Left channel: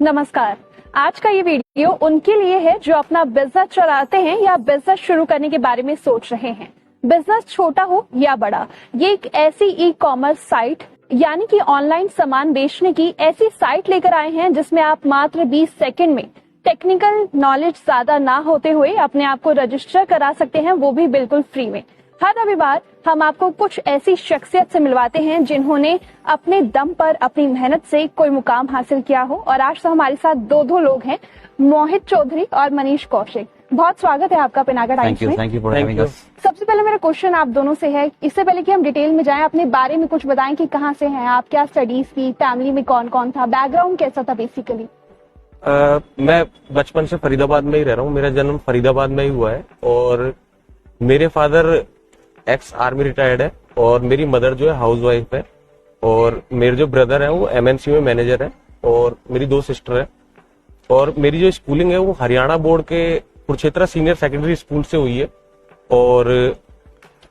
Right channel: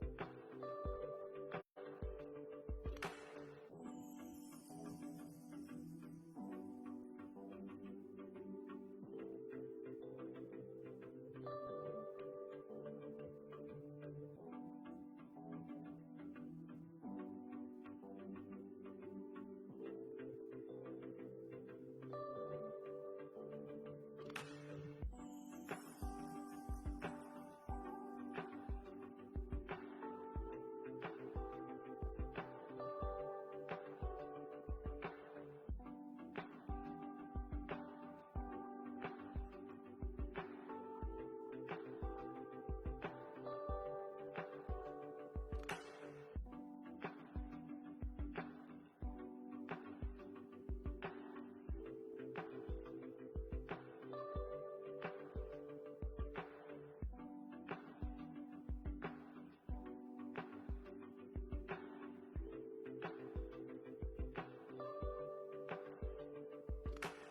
नमस्कार। आज का ये वीडियो उनके लिए है जो अपना बिजनेस चलाते हैं या बिजनेस शुरू करने के बारे में सोच रहे हैं। बिजनेस छोटा हो या बड़ा, ये एक ऐसी ई कॉमर्स साइट यानी कि ऑनलाइन सामान बेचने की ऐसी साइट लेकर आए हैं जिसमें आप मात्र 20 सेकंड में टेक्निकल नॉलेज ज्यादा ना होते हुए अपने आप को रजिस्टर करा सकते हैं, वो भी बिल्कुल फ्री में। हर रविवार हम आपको कुछ ऐसी शख्सियत से मिलवाते हैं जिन्होंने अपने दम पर अपनी मेहनत से कोई मुकाम हासिल किया हो, और आज तो हमारे साथ दो लोग हैं, मोहित चौधरी और मनीष कौशिक। बहुत स्वागत है आपका पिनाका टाइम्स में। Thank you for having us. सबसे पहले मेरा क्वेश्चन आप दोनों से है, इससे पहले कि हम डिटेल में जाएं, अपने बारे में कुछ बताएं कि कहाँ से हैं आप, क्या स्टडीज की, फैमिली में कौन कौन था, बैकग्राउंड कैसा था बेसिकली। मैं बचपन से फरीदाबाद में ही रह रहा हूँ। मेरा जन्म फरीदाबाद में ही हुआ है और मेरे फादर एक्स आर्मी रिटायर्ड है और मेरी मदर जो है हाउस वाइफ है, और मेरे जो ब्रदर है वो एमएनसी में मैनेजर है, और मेरी 2 सिस्टर है। और मेरी जो स्कूलिंग है वो हरियाणा बोर्ड के कुरुक्षेत्र सीनियर सेकेंडरी स्कूल से हुई है, और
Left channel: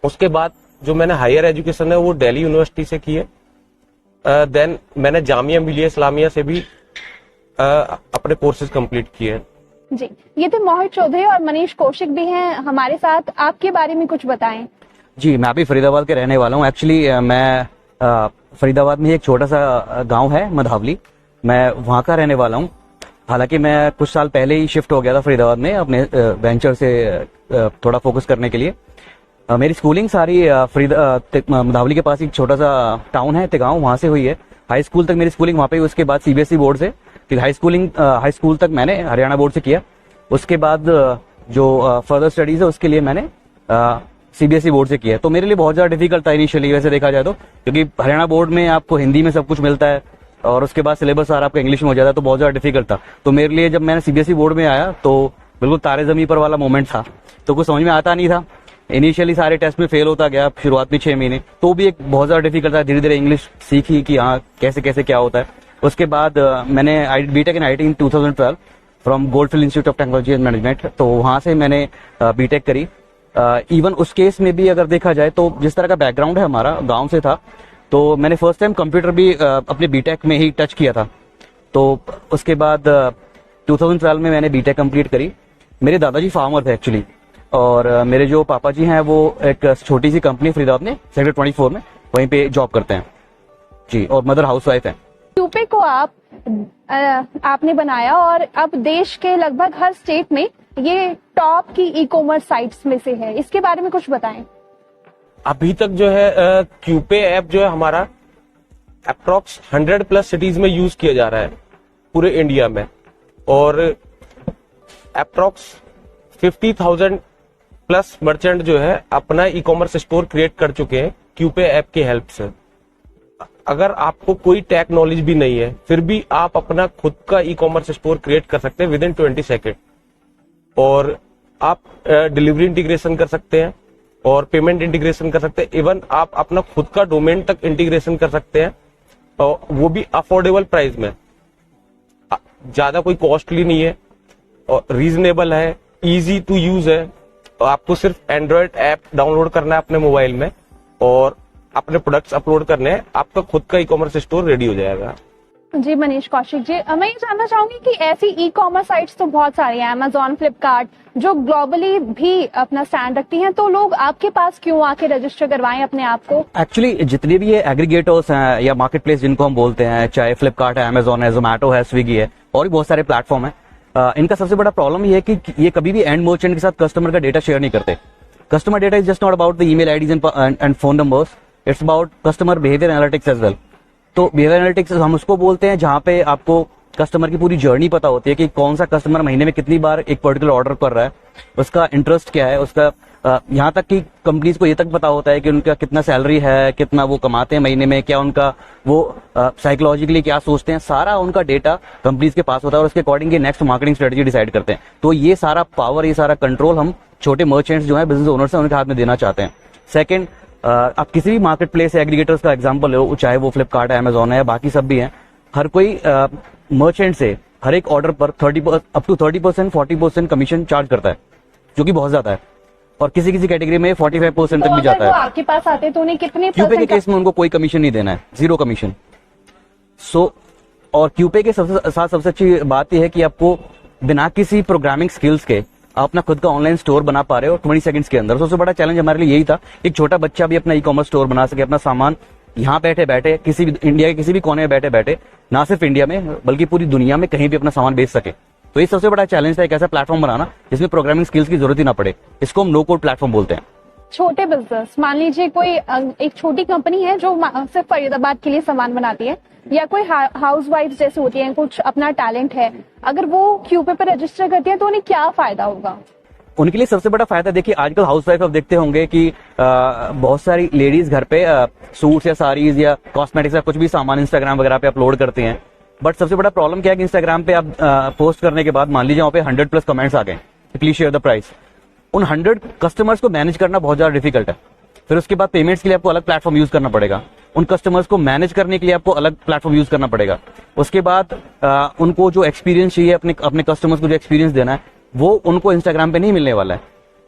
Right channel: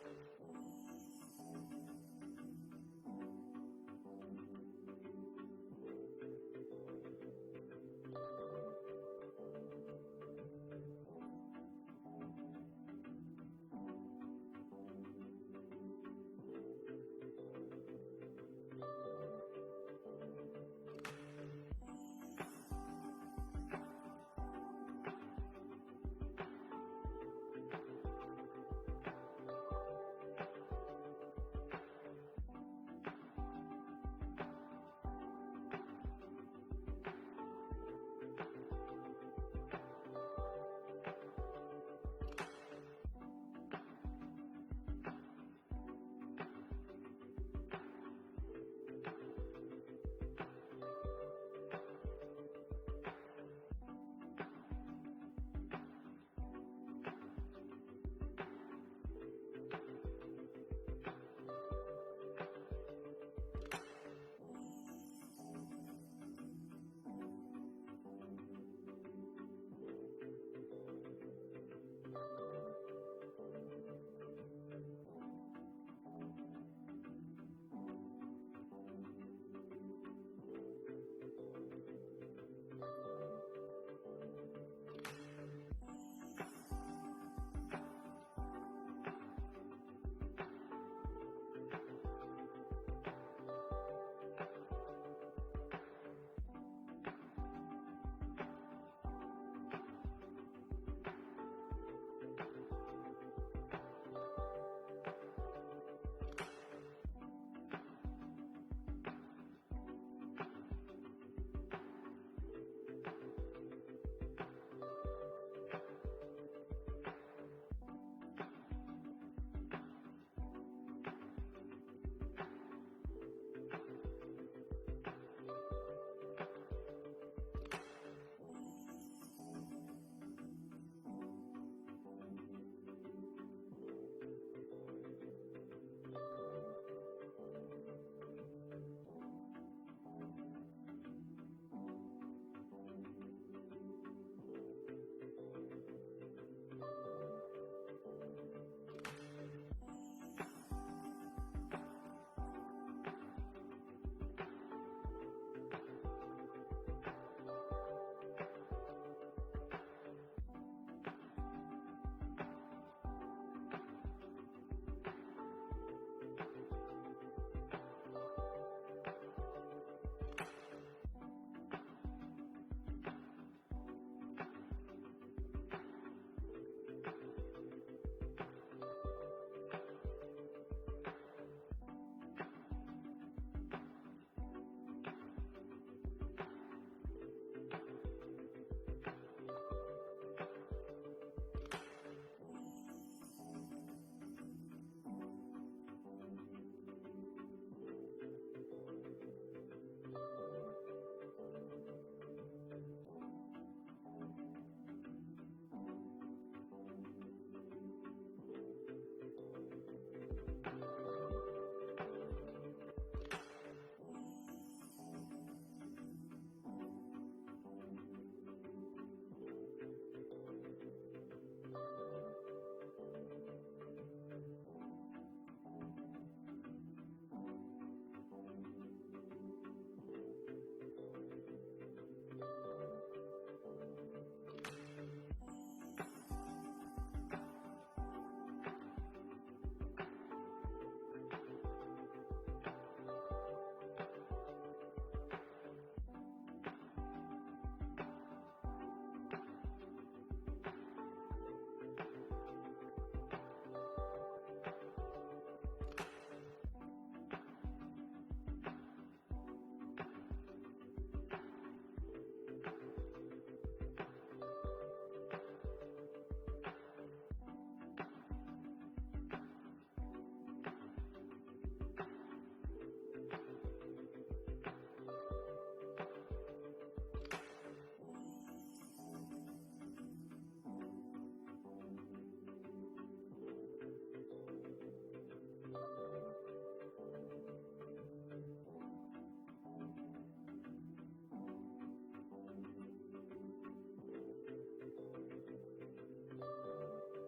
उसके बाद जो मैंने हायर एजुकेशन है वो दिल्ली यूनिवर्सिटी से की है। देन मैंने जामिया मिलिया इस्लामिया से भी अपने कोर्सेज कंप्लीट किए हैं। जी, ये तो मोहित चौधरी और मनीष कौशिक भी हैं हमारे साथ। आपके बारे में कुछ बताएं। जी, मैं भी फरीदाबाद के रहने वाला हूँ। एक्चुअली मैं फरीदाबाद में एक छोटा सा गांव है मधावली, मैं वहाँ का रहने वाला हूँ। हालांकि मैं कुछ साल पहले ही शिफ्ट हो गया था फरीदाबाद में अपने वेंचर से थोड़ा फोकस करने के लिए। मेरी स्कूलिंग सारी मधावली के पास एक छोटा सा टाउन है तिगांव, वहाँ से हुई है। हाई स्कूल तक मेरी स्कूलिंग वहाँ पे, उसके बाद सीबीएसई बोर्ड से, फिर हाई स्कूल तक मैंने हरियाणा बोर्ड से किया। उसके बाद जो फर्दर स्टडीज है उसके लिए मैंने सीबीएसई बोर्ड से किया। तो मेरे लिए बहुत ज्यादा डिफिकल्ट था इनिशियली, वैसे देखा जाए तो, क्योंकि हरियाणा बोर्ड में आपको हिंदी में सब कुछ मिलता है और उसके बाद सिलेबस सारा आपका इंग्लिश में हो जाता है, तो बहुत ज्यादा डिफिकल्ट था। तो मेरे लिए जब मैंने सीबीएसई बोर्ड में आया तो बिल्कुल तारे जमी पर वाला मोमेंट था, तो कुछ समझ में आता नहीं था। इनिशियली सारे टेस्ट में फेल होता गया, शुरुआत में 6 महीने, तो भी एक बहुत ज्यादा डिफिकल्ट था। धीरे धीरे इंग्लिश सीखी कि हाँ कैसे कैसे क्या होता है। उसके बाद मैंने BTech in IT in 2012 from Goldfield Institute of Technology and Management, तो वहां से मैंने बीटेक करी। इवन उस केस में भी अगर देखा जाए तो जिस तरह का बैकग्राउंड है हमारा गांव से था, तो मैंने फर्स्ट टाइम कंप्यूटर भी अपने बीटेक में ही टच किया था। तो उसके बाद 2012 में मैंने बीटेक कंप्लीट करी। मेरे दादाजी फार्मर थे एक्चुअली, और मेरे जो पापा जी हैं वो एक छोटी सी कंपनी फरीदाबाद में सेक्टर 24 में वहीं पे जॉब करते हैं जी, और मदर हाउस वाइफ है। क्यूपे को आपने बनाया और अब देश के लगभग हर स्टेट में ये टॉप की ई कॉमर्स साइट्स में से है, इसके बारे में कुछ बताएं। अभी तक जो है क्यूपे ऐप जो है हमारा अप्रोक्स 100+ सिटीज में यूज किया जा रहा है पूरे इंडिया में, और अप्रोक्स 50,000+ मर्चेंट जो है अपना ई कॉमर्स स्टोर क्रिएट कर चुके हैं क्यूपे ऐप की हेल्प से। अगर आपको कोई टेक नॉलेज भी नहीं है फिर भी आप अपना खुद का ई कॉमर्स स्टोर क्रिएट कर सकते हैं विदिन 20 सेकेंड, और आप डिलीवरी इंटीग्रेशन कर सकते हैं और पेमेंट इंटीग्रेशन कर सकते हैं। इवन आप अपना खुद का डोमेन तक इंटीग्रेशन कर सकते हैं, और वो भी अफोर्डेबल प्राइस में। ज्यादा कोई कॉस्टली नहीं है और रीजनेबल है, इजी टू यूज है। आपको सिर्फ एंड्रॉइड ऐप डाउनलोड करना है अपने मोबाइल में और अपने प्रोडक्ट्स अपलोड करने हैं, आपका खुद का ई कॉमर्स स्टोर रेडी हो जाएगा। जी मनीष कौशिक जी, मैं ये जानना चाहूंगी कि ऐसी ई कॉमर्स साइट्स तो बहुत सारी हैं, अमेजॉन, फ्लिपकार्ट, जो ग्लोबली भी अपना स्टैंड रखती हैं, तो लोग आपके पास क्यों आके रजिस्टर करवाएं अपने आप को। एक्चुअली जितने भी ये एग्रीगेटर्स हैं या मार्केट प्लेस जिनको हम बोलते हैं, चाहे फ्लिपकार्ट है, अमेजॉन है, जोमैटो है, स्विगी है, और भी बहुत सारे प्लेटफॉर्म है, इनका सबसे बड़ा प्रॉब्लम ये है कि ये कभी भी एंड मर्चेंट के साथ कस्टमर का डेटा शेयर नहीं करते। Customer data is just not about the email IDs and phone numbers, it's about customer behaviour analytics as well. तो बिहेवियर एनालिटिक्स हम उसको बोलते हैं जहां पे आपको कस्टमर की पूरी जर्नी पता होती है कि कौन सा कस्टमर महीने में कितनी बार एक पर्टिकुलर ऑर्डर कर रहा है, उसका इंटरेस्ट क्या है, उसका यहाँ तक कि कंपनीज को ये तक पता होता है कि उनका कितना सैलरी है, कितना वो कमाते हैं महीने में, क्या उनका वो साइकोलॉजिकली क्या सोचते हैं, सारा उनका डेटा कंपनीज के पास होता है और उसके according next marketing strategy decide करते हैं। तो ये सारा पावर, ये सारा कंट्रोल हम छोटे मर्चेंट्स जो है, बिजनेस ओनर्स हैं, उनके हाथ में देना चाहते हैं। सेकेंड, आप किसी भी मार्केट प्लेस एग्रीगेटर्स का एग्जांपल लो, चाहे वो फ्लिपकार्ट है, अमेजॉन है, बाकी सब भी हैं, हर कोई मर्चेंट से हर एक ऑर्डर पर 30% 40% कमीशन चार्ज करता है, जो कि बहुत ज्यादा है, और किसी किसी कैटेगरी में 45% तक भी जाता है। आपके पास आते तो उन्हें कितने क्यूपे के केस में उनको कोई कमीशन नहीं देना है, 0 कमीशन। सो और क्यूपे के साथ सबसे अच्छी बात यह है कि आपको बिना किसी प्रोग्रामिंग स्किल्स के आप अपना खुद का ऑनलाइन स्टोर बना पा रहे हो 20 सेकंड्स के अंदर। सबसे बड़ा चैलेंज हमारे लिए यही था, एक छोटा बच्चा भी अपना ई कॉमर्स स्टोर बना सके, अपना सामान यहाँ बैठे बैठे किसी भी इंडिया के किसी भी कोने में बैठे बैठे, ना सिर्फ इंडिया में बल्कि पूरी दुनिया में कहीं भी अपना सामान बेच सके। तो ये सबसे बड़ा चैलेंज था, एक ऐसा प्लेटफॉर्म बनाना जिसमें प्रोग्रामिंग स्किल्स की जरूरत ही ना पड़े। इसको हम नो कोड प्लेटफॉर्म बोलते हैं। छोटे बिजनेस, मान लीजिए कोई एक छोटी कंपनी है जो सिर्फ फरीदाबाद के लिए सामान बनाती है, या कोई हाउस वाइफ जैसे होती है, कुछ अपना टैलेंट है, अगर वो क्यूपे पर रजिस्टर करती है तो उन्हें क्या फायदा होगा? उनके लिए सबसे बड़ा फायदा, देखिए आजकल हाउस वाइफ आप देखते होंगे कि बहुत सारी लेडीज घर पे सूट्स या साड़ीज या कॉस्मेटिक्स या कुछ भी सामान इंस्टाग्राम वगैरह पे अपलोड करती हैं। बट सबसे बड़ा प्रॉब्लम क्या है कि इंस्टाग्राम पे आप पोस्ट करने के बाद मान लीजिए वहाँ पे 100+ कमेंट्स आ गए, प्लीज शेयर द प्राइस। उन 100 कस्टमर्स को मैनेज करना बहुत ज्यादा डिफिकल्ट है। फिर उसके बाद पेमेंट्स के लिए आपको अलग प्लेटफॉर्म यूज करना पड़ेगा, उन कस्टमर्स को मैनेज करने के लिए आपको अलग प्लेटफॉर्म यूज करना पड़ेगा। उसके बाद उनको जो एक्सपीरियंस चाहिए, अपने कस्टमर्स को जो एक्सपीरियंस देना है, वो उनको इंस्टाग्राम पे नहीं मिलने वाला है।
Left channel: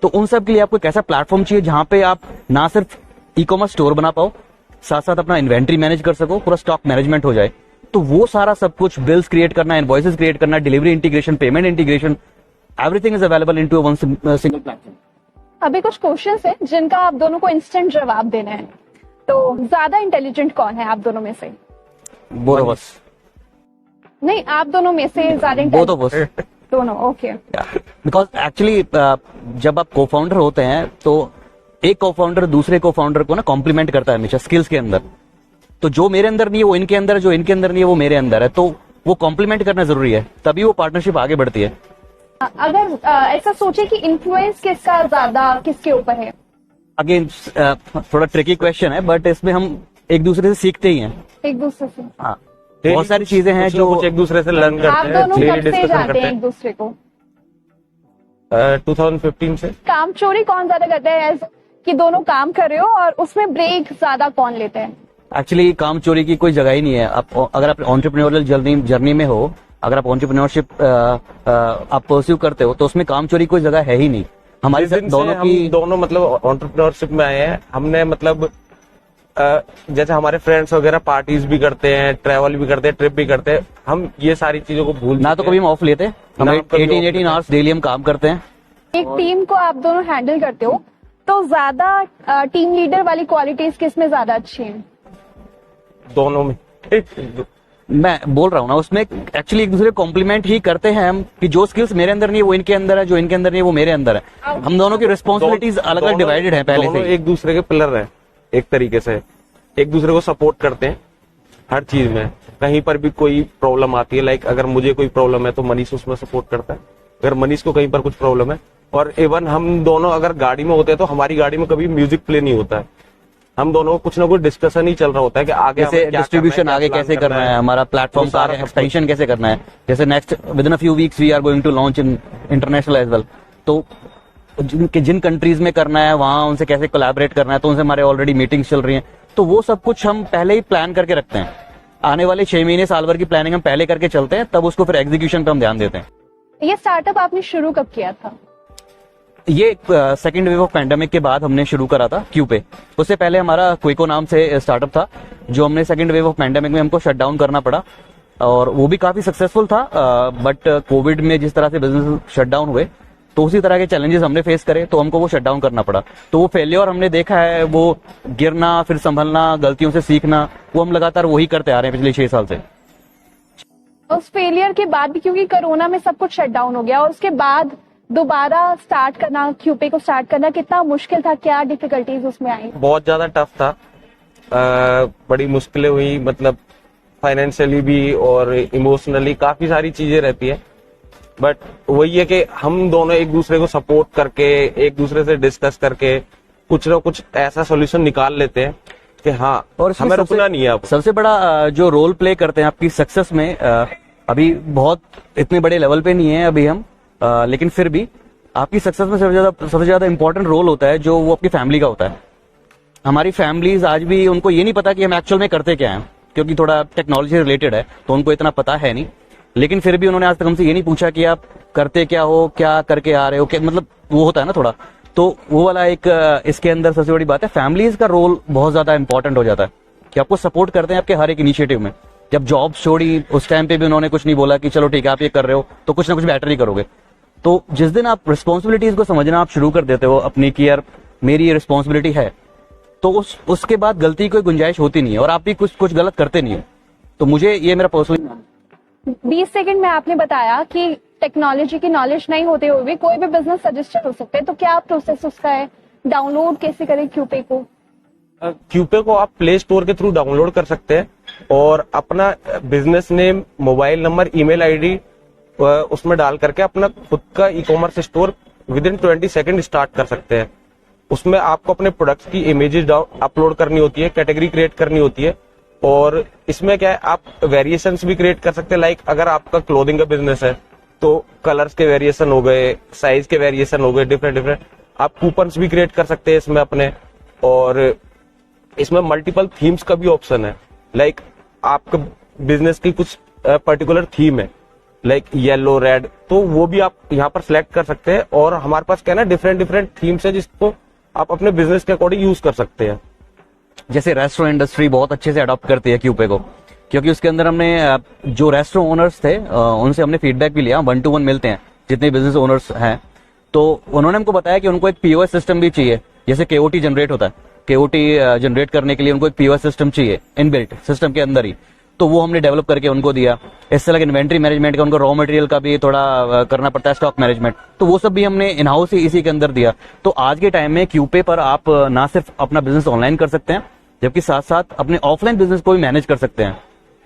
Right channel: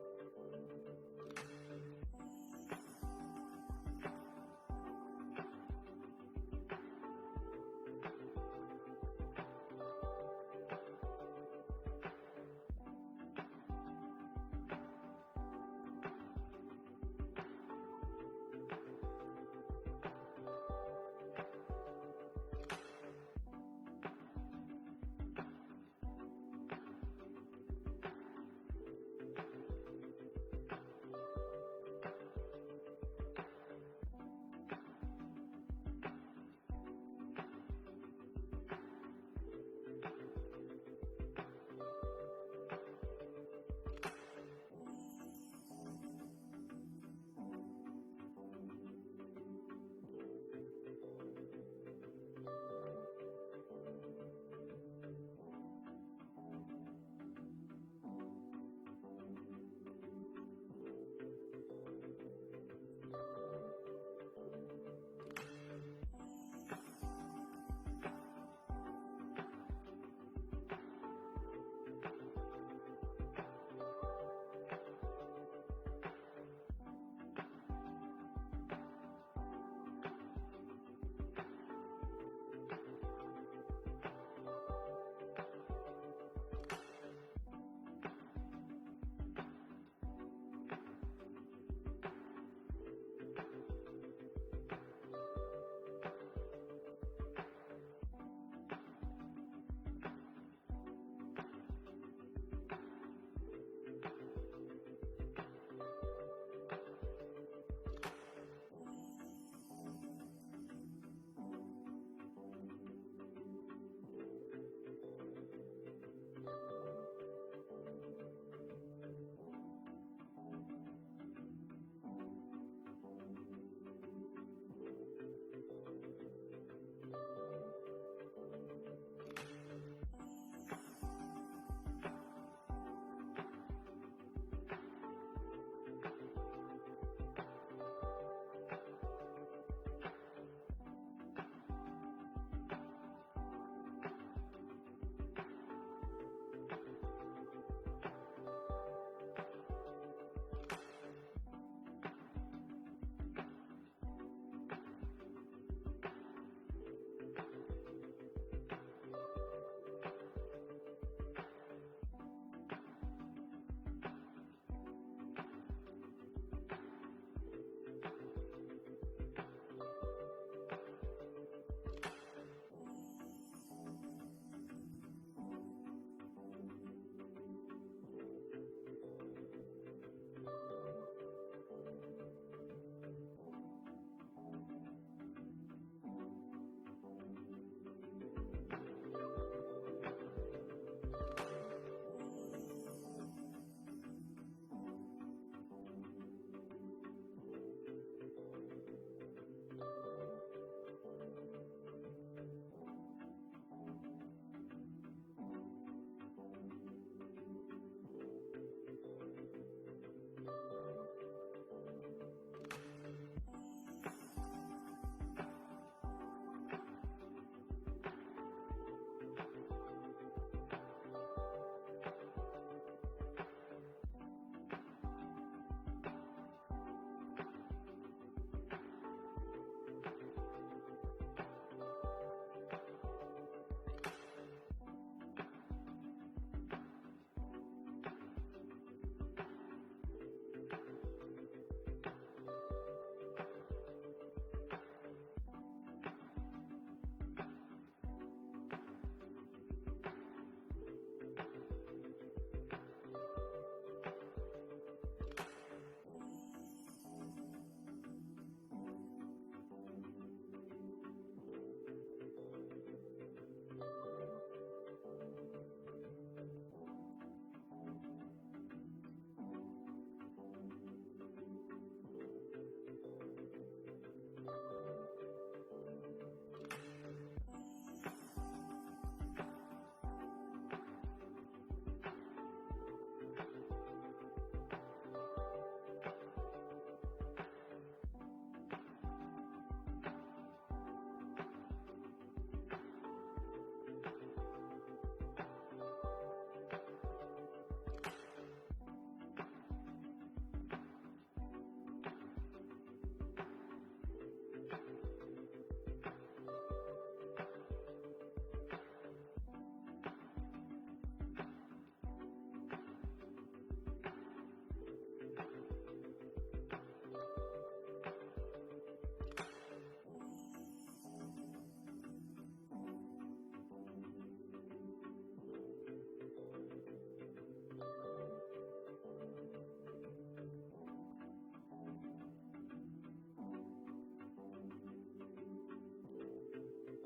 तो उन सब के लिए आपको एक ऐसा प्लेटफॉर्म चाहिए जहां पे आप ना सिर्फ ई कॉमर्स स्टोर बना पाओ, साथ साथ अपना इन्वेंट्री मैनेज कर सको, पूरा स्टॉक मैनेजमेंट हो जाए। तो वो सारा सब कुछ, बिल्स क्रिएट करना, इनवॉइसेस क्रिएट करना, delivery integration, payment integration, everything is available into one single platform. अभी कुछ क्वेश्चंस हैं जिनका आप दोनों को इंस्टेंट जवाब देना है। तो ज्यादा इंटेलिजेंट कौन है आप दोनों में से? Both of us. नहीं, आप दोनों में से ज्यादा बोथ ऑफ अस। दोनों, ओके। बिकॉज एक्चुअली जब आप को फाउंडर होते हैं तो एक को फाउंडर दूसरे को फाउंडर को ना कॉम्प्लीमेंट करता है हमेशा स्किल्स के अंदर। तो जो मेरे अंदर नहीं है वो इनके अंदर है, जो इनके अंदर नहीं है वो मेरे अंदर है। तो वो कॉम्प्लीमेंट करना जरूरी है, तभी वो पार्टनरशिप आगे बढ़ती है। अगर ऐसा सोचे कि इन्फ्लुएंस किसका ज्यादा किसके ऊपर है? अगेन थोड़ा ट्रिकी क्वेश्चन है, बट इसमें हम एक दूसरे से सीखते ही हैं। एक दूसरे से? हाँ, बहुत सारी चीजें हैं जो कुछ एक दूसरे से लर्न आप करते हैं, दोनों डेली कब से डिस्कशन जानते करते हैं हैं। एक दूसरे को? 2015 से। काम चोरी कौन ज्यादा करता है, कि दोनों काम कर रहे हो और उसमें ब्रेक ज्यादा कौन लेता है? एक्चुअली काम चोरी की कोई जगह ही नहीं है। अगर आप एंटरप्रेन्योरियल जर्नी में हो, अगर आप एंटरप्रेन्योरशिप आप परस्यू करते हो, तो उसमें काम चोरी की कोई जगह है ही नहीं। हमारी जिस दिन से दोनों हम की दोनों मतलब एंटरप्रेन्योरशिप में आए हैं, हमने मतलब जैसे हमारे फ्रेंड्स वगैरह पार्टीज भी करते हैं, ट्रैवल भी करते हैं, ट्रिप भी करते हैं, हम ये सारी चीजों को भूल ना तो चुके कभी हैं। हम ऑफ लेते, हम ना कभी off 18 आवर्स डेली हम काम करते हैं। एक टीम को आप दोनों हैंडल करते हो, तो ज्यादा टीम लीडर वाली क्वालिटीज किस में ज्यादा अच्छी हैं? दोनों में। मैं बोल रहा हूँ ना, उसमें एक्चुअली एक दूसरे कॉम्प्लीमेंट ही करते हैं हम, कि जो स्किल्स मेरे अंदर नहीं है वो इनके अंदर है, जो इनके अंदर नहीं है वो मेरे अंदर है। हम दोनों की रिस्पॉन्सिबिलिटीज अलग अलग डिवाइडेड है पहले दोनों से। एक दूसरे के पिलर हैं, एक तरीके से एक दूसरे को सपोर्ट करते हैं हर चीज में। कहीं पर भी कोई प्रॉब्लम आती है, लाइक अगर मुझे कोई प्रॉब्लम है तो मनीष उसमें सपोर्ट करता है, अगर मनीष को कहीं पर कुछ प्रॉब्लम है। और इवन हम दोनों अगर गाड़ी में होते हैं तो हमारी गाड़ी में कभी म्यूजिक प्ले नहीं होता है, हम दोनों को कुछ ना कुछ डिस्कशन ही चल रहा होता है कि आगे जैसे हमें क्या डिस्ट्रीब्यूशन करना है, आगे क्या कैसे plan करना है, हमारा प्लेटफॉर्म वो का सारा एक्सटेंशन कैसे करना है। जैसे next within a few weeks we are going to launch in international as well. तो जिन कंट्रीज में करना है वहां उनसे कैसे कोलैबोरेट करना है, तो उनसे हमारे ऑलरेडी मीटिंग्स चल रही हैं। तो वो सब कुछ हम पहले ही प्लान करके रखते हैं। आने वाले 6 महीने साल भर की प्लानिंग हम पहले करके चलते हैं, तब उसको फिर एग्जीक्यूशन पे हम ध्यान देते हैं। ये स्टार्टअप आपने शुरू कब किया था? ये सेकेंड वेव ऑफ पैंडेमिक के बाद हमने शुरू करा था क्यूपे। उससे पहले हमारा क्विको नाम से स्टार्टअप था, जो हमने सेकेंड वेव ऑफ पैंडेमिक में हमको शट डाउन करना पड़ा, और वो भी काफी सक्सेसफुल था। बट कोविड में जिस तरह से बिजनेस शट डाउन हुए, तो उसी तरह के चैलेंजेस हमने फेस करे, तो हमको वो शट डाउन करना पड़ा। तो वो फेलियर हमने देखा है, वो गिरना, फिर संभलना, गलतियों से सीखना, वो हम लगातार वही करते आ रहे हैं पिछले 6 साल से। उस फेलियर के बाद भी, क्योंकि कोरोना में सब कुछ शट डाउन हो गया, और उसके बाद दोबारा स्टार्ट करना, क्यूपे को स्टार्ट करना कितना मुश्किल था? क्या डिफिकल्टीज उसमें आई? बहुत ज्यादा टफ था, बड़ी मुश्किलें हुई, मतलब फाइनेंशियली भी और इमोशनली काफी सारी चीजें रहती है। बट वही है कि हम दोनों एक दूसरे को सपोर्ट करके, एक दूसरे से डिस्कस करके कुछ ना कुछ ऐसा सोल्यूशन निकाल लेते हैं कि हाँ, और इसमें हमें रुकना नहीं है अब। सबसे बड़ा जो रोल प्ले करते हैं आपकी सक्सेस में, अभी बहुत इतने बड़े लेवल पे नहीं है अभी हम, लेकिन फिर भी आपकी सक्सेस में सबसे ज्यादा इंपॉर्टेंट रोल होता है जो वो आपकी फैमिली का होता है। हमारी फैमिलीज आज भी, उनको ये नहीं पता कि हम एक्चुअल में करते क्या हैं, क्योंकि थोड़ा टेक्नोलॉजी रिलेटेड है तो उनको इतना पता है नहीं। लेकिन फिर भी उन्होंने आज तक हमसे ये नहीं पूछा कि आप करते क्या हो, क्या करके आ रहे हो, क्या मतलब वो होता है ना थोड़ा। तो वो वाला एक इसके अंदर सबसे बड़ी बात है, फैमिलीज का रोल बहुत ज्यादा इंपॉर्टेंट हो जाता है, कि आपको सपोर्ट करते हैं आपके हर एक इनिशिएटिव में। जब जॉब छोड़ी उस टाइम पे भी उन्होंने कुछ नहीं बोला कि चलो ठीक है आप ये कर रहे हो तो कुछ ना कुछ बेटर ही करोगे। तो जिस दिन आप रिस्पॉन्सिबिलिटीज को समझना आप शुरू कर देते हो अपनी कि यार मेरी ये रिस्पॉन्सिबिलिटी है, तो उसके बाद गलती की कोई गुंजाइश होती नहीं है और आप भी कुछ गलत करते नहीं हो। तो मुझे ये मेरा पर्सनली 20 सेकंड में आपने बताया कि टेक्नोलॉजी की नॉलेज नहीं होते हुए भी कोई भी बिजनेस सजेस्टेड हो सकता है, तो क्या प्रोसेस उसका है, डाउनलोड कैसे करें क्यूपे को? क्यूपे को आप प्ले स्टोर के थ्रू डाउनलोड कर सकते हैं और अपना business name, mobile number, email ID उसमें डाल करके अपना खुद का e commerce store with in 20 second start कर सकते हैं। उसमें आपको अपने प्रोडक्ट्स की इमेजेस अपलोड करनी होती है, कैटेगरी क्रिएट करनी होती है और इसमें क्या है आप वेरिएशंस भी क्रिएट कर सकते हैं। लाइक अगर आपका क्लोथिंग का बिजनेस है तो कलर्स के वेरिएशन हो गए, साइज के वेरिएशन हो गए, डिफरेंट आप कूपन्स भी क्रिएट कर सकते हैं इसमें अपने। और इसमें मल्टीपल थीम्स का भी ऑप्शन है। लाइक आपका बिजनेस की कुछ पर्टिकुलर थीम है लाइक येलो, रेड, तो वो भी आप यहाँ पर सिलेक्ट कर सकते हैं और हमारे पास क्या है ना डिफरेंट थीम्स है जिसको आप अपने बिजनेस के अकॉर्डिंग यूज कर सकते हैं। जैसे रेस्टोरेंट इंडस्ट्री बहुत अच्छे से अडॉप्ट करती है क्यूपे को, क्योंकि उसके अंदर हमने जो रेस्टोरेंट ओनर्स थे उनसे हमने फीडबैक भी लिया, 1-to-1 मिलते हैं जितने बिजनेस ओनर्स हैं। तो उन्होंने हमको बताया कि उनको एक पीओएस सिस्टम भी चाहिए, जैसे केओटी जनरेट होता है, केओटी जनरेट करने के लिए उनको एक पीओएस सिस्टम चाहिए इनबिल्ट सिस्टम के अंदर ही, तो वो हमने डेवलप करके उनको दिया। इससे अलग इन्वेंट्री मैनेजमेंट का उनको रॉ मटेरियल का भी थोड़ा करना पड़ता है, स्टॉक मैनेजमेंट, तो वो सब भी हमने इन हाउस ही इसी के अंदर दिया। तो आज के टाइम में क्यूपे पर आप ना सिर्फ अपना बिजनेस ऑनलाइन कर सकते हैं जबकि साथ साथ अपने ऑफलाइन बिजनेस को भी मैनेज कर सकते हैं।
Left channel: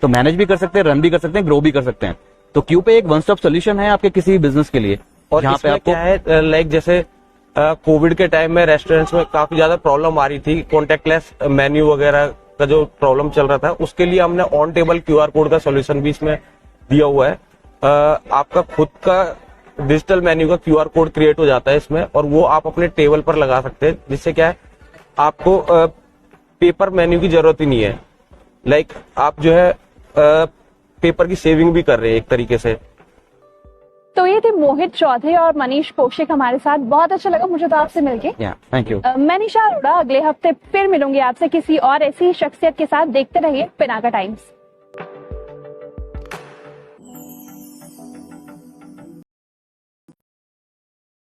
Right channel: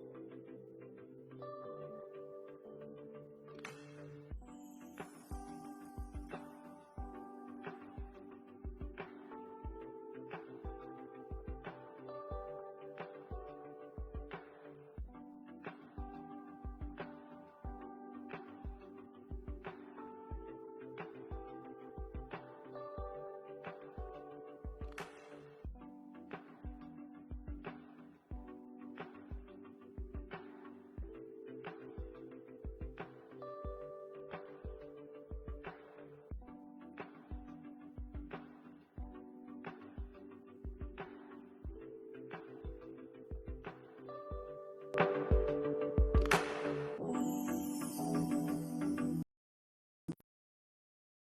तो मैनेज भी कर सकते हैं, रन भी कर सकते हैं, ग्रो भी कर सकते हैं। तो क्यूपे एक वन स्टॉप सोल्यूशन है आपके किसी भी बिजनेस के लिए। और यहाँ पे इसमें आपको क्या है लाइक जैसे कोविड के टाइम में रेस्टोरेंट्स में काफी ज्यादा प्रॉब्लम आ रही थी, कॉन्टेक्टलेस मेन्यू वगैरह का जो प्रॉब्लम चल रहा था, उसके लिए हमने ऑन टेबल क्यूआर कोड का सॉल्यूशन भी इसमें दिया हुआ है। आपका खुद का डिजिटल मेन्यू का क्यूआर कोड क्रिएट हो जाता है इसमें और वो आप अपने टेबल पर लगा सकते हैं, जिससे क्या है आपको पेपर मेन्यू की जरूरत ही नहीं है। लाइक आप जो है पेपर की सेविंग भी कर रहे हैं एक तरीके से। तो ये थे मोहित चौधरी और मनीष कौशिक हमारे साथ। बहुत अच्छा लगा मुझे तो आपसे मिलके। Thank you. मैं निशा अरोड़ा, अगले हफ्ते फिर मिलूंगी आपसे किसी और ऐसी शख्सियत के साथ। देखते रहिए पिनाका टाइम्स।